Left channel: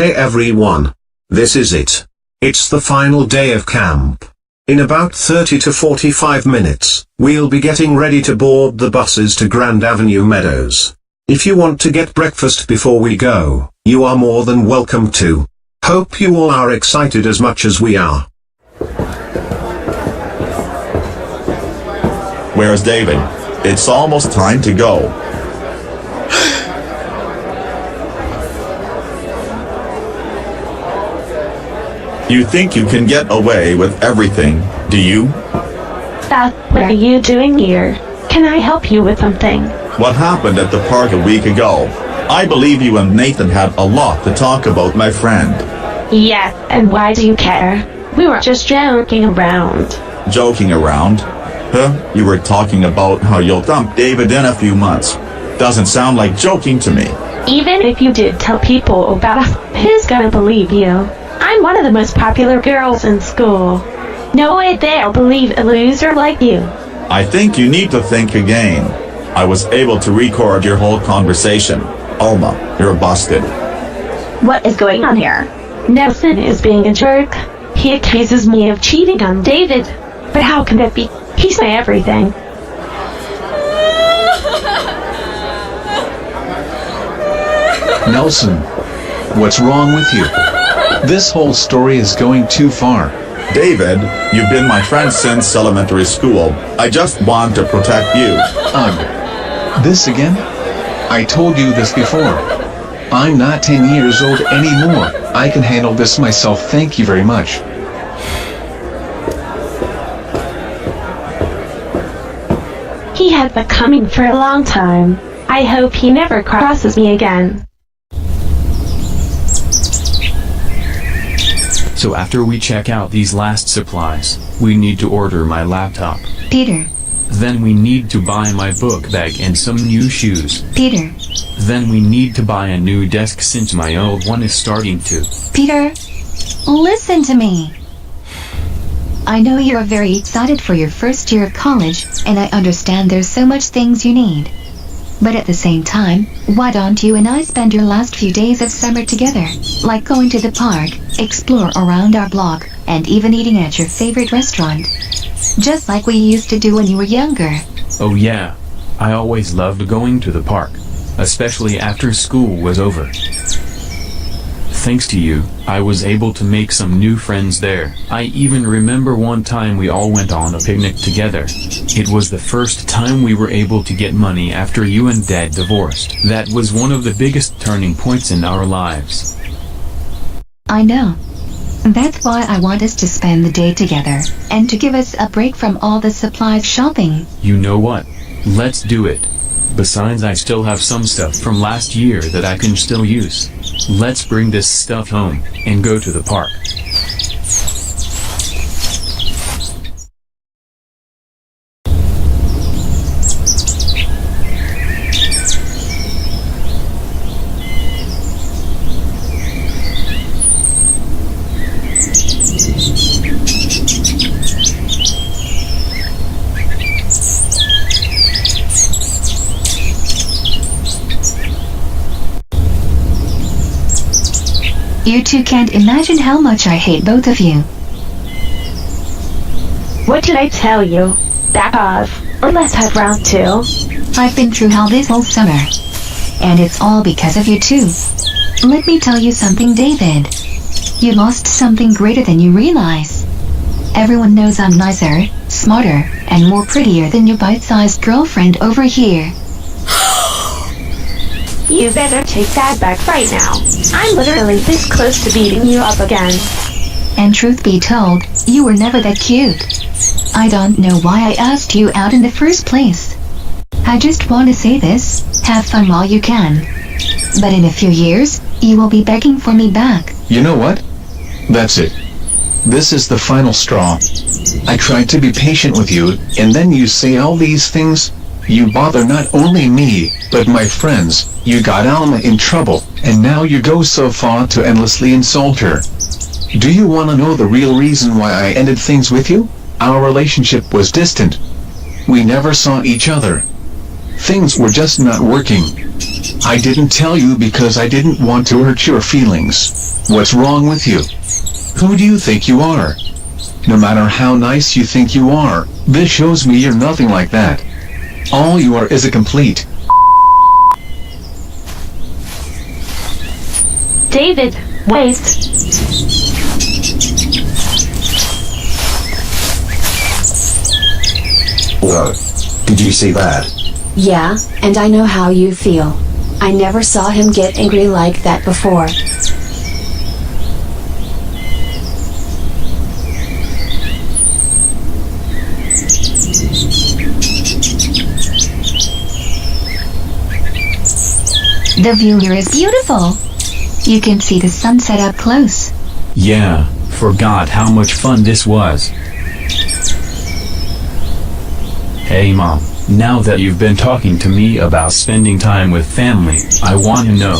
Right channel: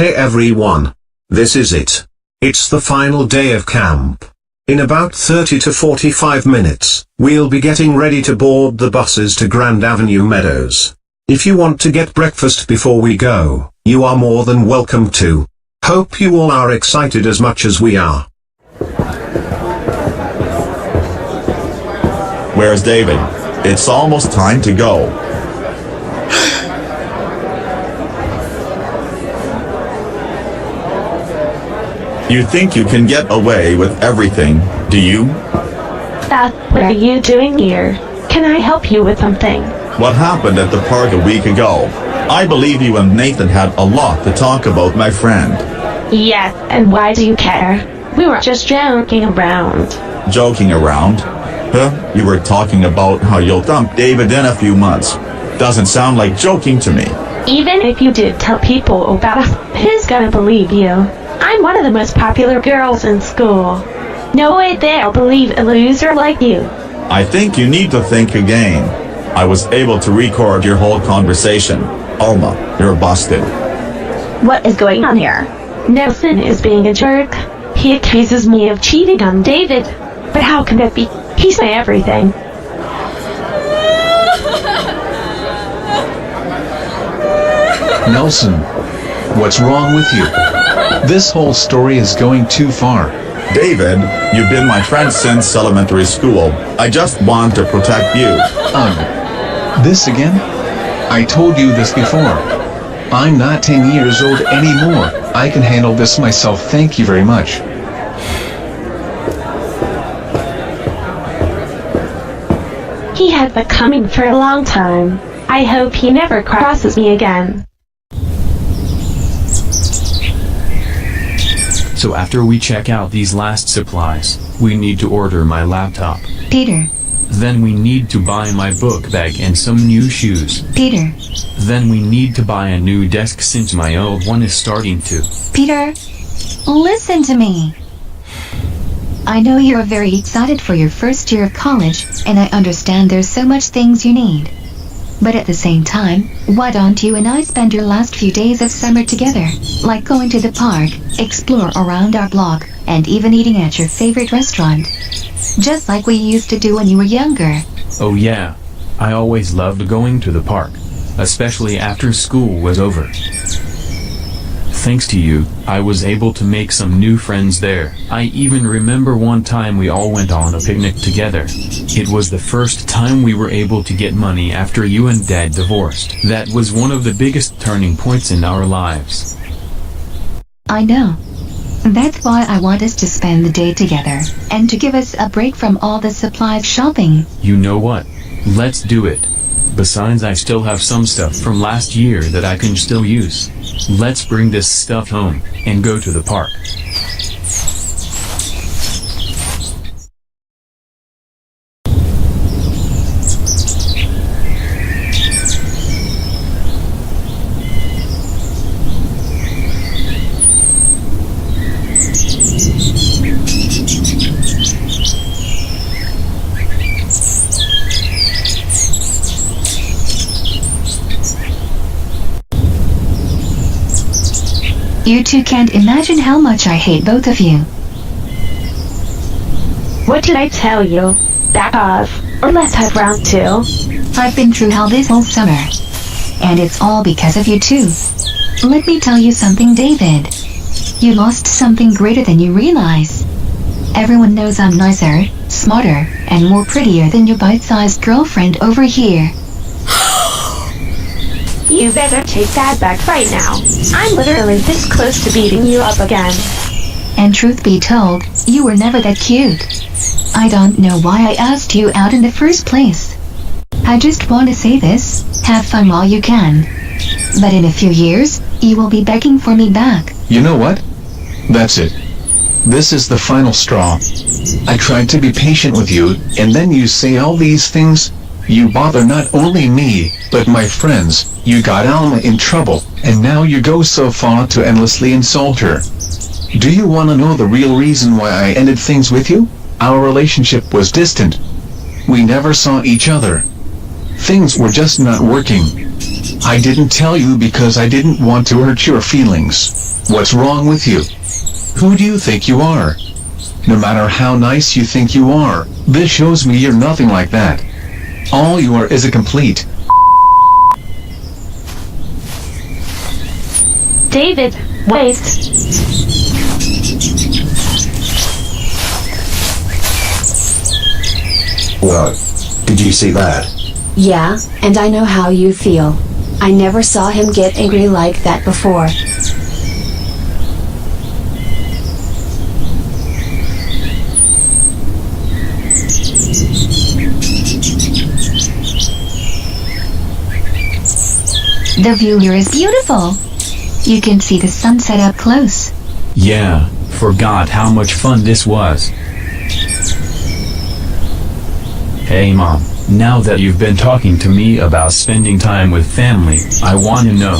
Hey everyone. This is it. It's the final day of camp. In about 30 to 45 minutes, we'll be getting ready to board the buses to Grand Avenue Meadows. If you want to get breakfast before we go, you are more than welcome to. Hope you all are excited as much as we are. Where's David? It's almost time to go. You think you can get away with everything, do you? What are you doing here? Can I help you with something? What happened at the park a week ago? I believe you and Nathan had a lot to talk about, my friend. Yes, and why do you care? We were just joking around. Joking around? Huh? You were talking about how you'll dump David in a few months. Doesn't sound like joking to me. Even if you did tell people about us, who's gonna believe you? I'm one of the most popular girls in school. No way they'll believe a loser like you. I think you need to think again. I was able to record your whole conversation. Alma, you're busted. What is going on here? Nelson is being a jerk. He accuses me of cheating on David. But how can that be? He's my everything. Nelson, what's wrong with you? This whole story is going too far. David, you've been my friend since elementary school. I just want to protect you. Ugh. This again? I told you this before. I'm not 10 years old anymore. I can handle this myself, thank you very much. He had been coming for a long time. I hope he never crosses me again. So after we check out these last supplies, we need to order my laptop. Peter. Then we need to buy my book bag and some new shoes. Peter. Then we need to buy a new desk since my old one is starting to. Peter, listen to me. I know you're very excited for your first year of college, and I understand there's so much things you need. But at the same time, why don't you and I spend your last few days of summer together? Like going to the park, explore around our block, and even eating at your favorite restaurant. Just like we used to do when you were younger. Oh yeah, I always loved going to the park, especially after school was over. Thanks to you, I was able to make some new friends there. I even remember one time we all went on a picnic together. It was the first time we were able to get money after you and Dad divorced. That was one of the biggest turning points in our lives. I know. That's why I want us to spend the day together, and to give us a break from all the supplies shopping. You know what? Let's do it. Besides, I still have some stuff from last year that I can still use. Let's bring this stuff home, and go to the park. You two can't imagine how much I hate both of you. What did I tell you? Back off, or let's have round two. I've been through hell this whole summer. And it's all because of you two. Let me tell you something, David. You lost something greater than you realize. Everyone knows I'm nicer, smarter, and more prettier than your bite-sized girlfriend over here. You better take that back right now. I'm literally this close to beating you up again. And truth be told, you were never that cute. I don't know why I asked you out in the first place. I just want to say this, have fun while you can. But in a few years, you will be begging for me back. You know what? That's it. This is the final straw. I tried to be patient with you, and then you say all these things. You bother not only me, but my friends. You got Alma in trouble, and now you go so far to endlessly insult her. Do you want to know the real reason why I ended things with you? Our relationship was distant. We never saw each other. Things were just not working. I didn't tell you because I didn't want to hurt your feelings. What's wrong with you? Who do you think you are? No matter how nice you think you are, this shows me you're nothing like that. All you are is a complete David, wait. Whoa, did you see that? Yeah, and I know how you feel. I never saw him get angry like that before. The view here is beautiful. You can see the sunset up close. Yeah, forgot how much fun this was. Hey Mom, now that you've been talking to me about spending time with family, I want to know,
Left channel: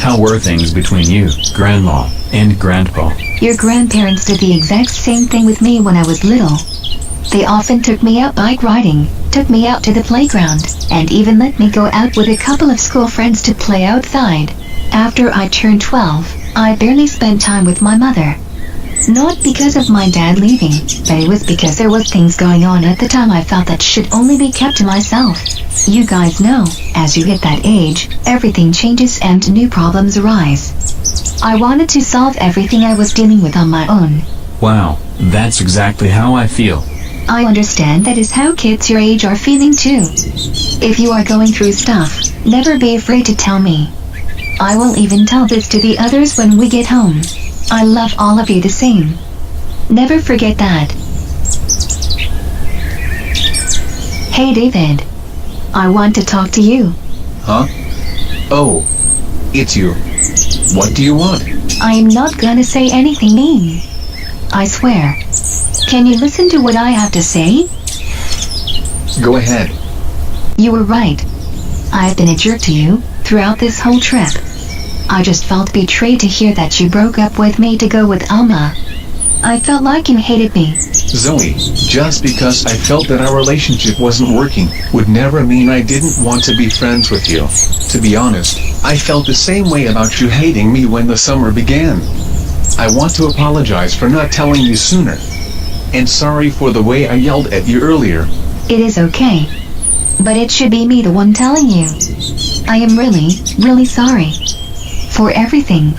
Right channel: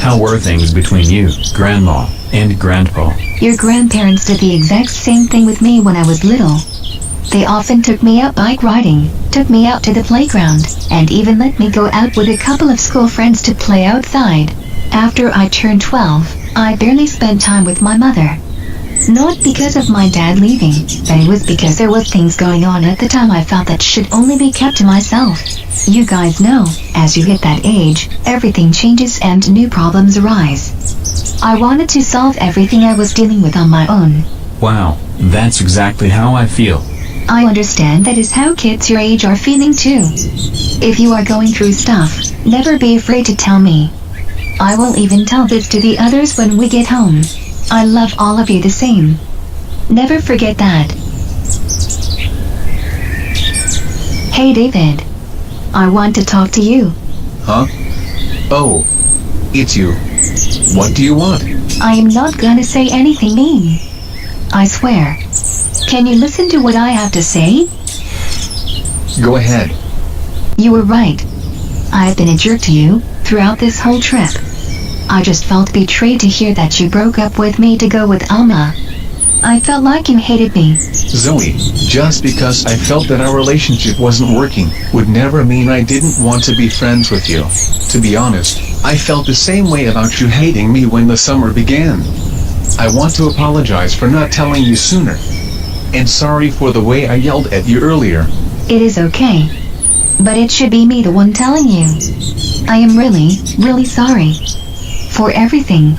how were things between you, Grandma, and Grandpa? Your grandparents did the exact same thing with me when I was little. They often took me out bike riding, took me out to the playground, and even let me go out with a couple of school friends to play outside. After I turned 12, I barely spent time with my mother. Not because of my dad leaving, but it was because there was things going on at the time I felt that should only be kept to myself. You guys know, as you hit that age, everything changes and new problems arise. I wanted to solve everything I was dealing with on my own. Wow, that's exactly how I feel. I understand that is how kids your age are feeling too. If you are going through stuff, never be afraid to tell me. I will even tell this to the others when we get home. I love all of you the same. Never forget that. Hey David. I want to talk to you. Huh? Oh, it's you. What do you want? I am not gonna say anything mean. I swear. Can you listen to what I have to say? Go ahead. You were right. I've been a jerk to you throughout this whole trip. I just felt betrayed to hear that you broke up with me to go with Alma. I felt like you hated me. Zoe, just because I felt that our relationship wasn't working would never mean I didn't want to be friends with you. To be honest, I felt the same way about you hating me when the summer began. I want to apologize for not telling you sooner. And sorry for the way I yelled at you earlier. It is okay. But it should be me the one telling you. I am really, really sorry. For everything.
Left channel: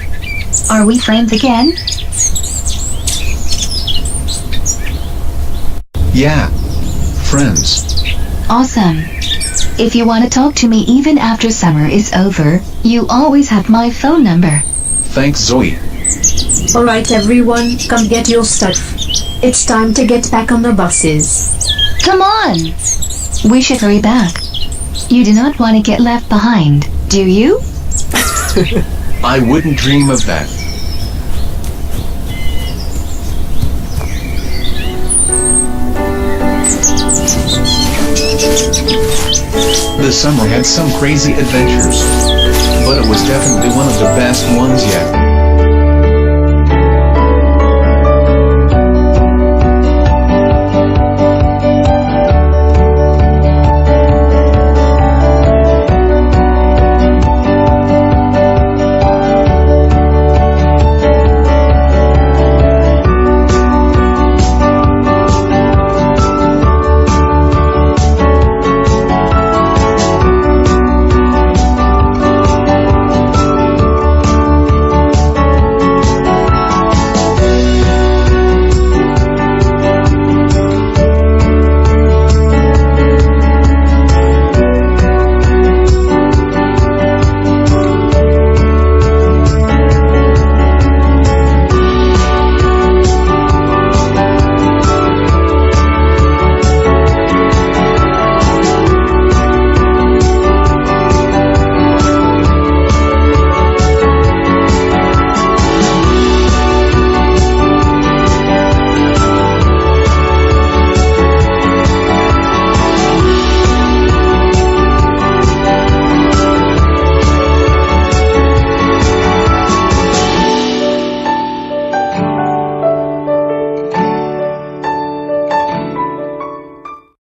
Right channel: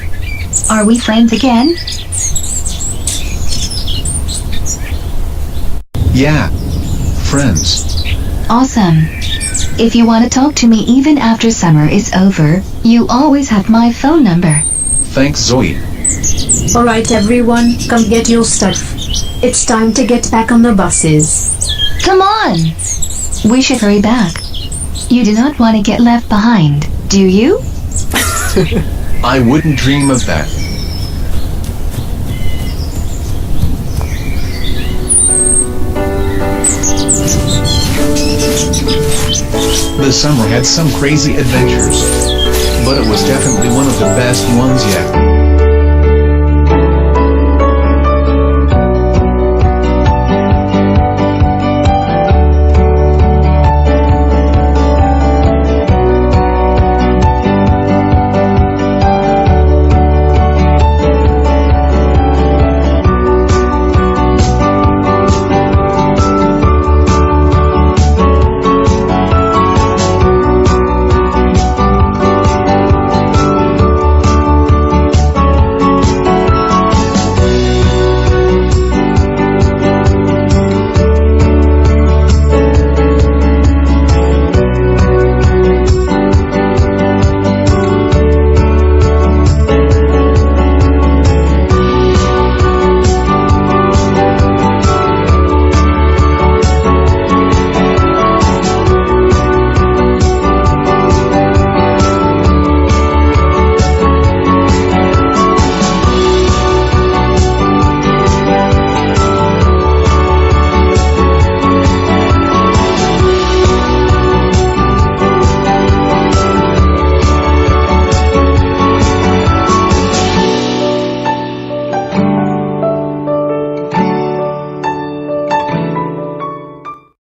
Are we friends again? Yeah. Friends. Awesome. If you want to talk to me even after summer is over, you always have my phone number. Thanks, Zoe. Alright everyone, come get your stuff. It's time to get back on the buses. Come on! We should hurry back. You do not want to get left behind, do you? I wouldn't dream of that. The summer had some crazy adventures, but it was definitely one of the best ones yet.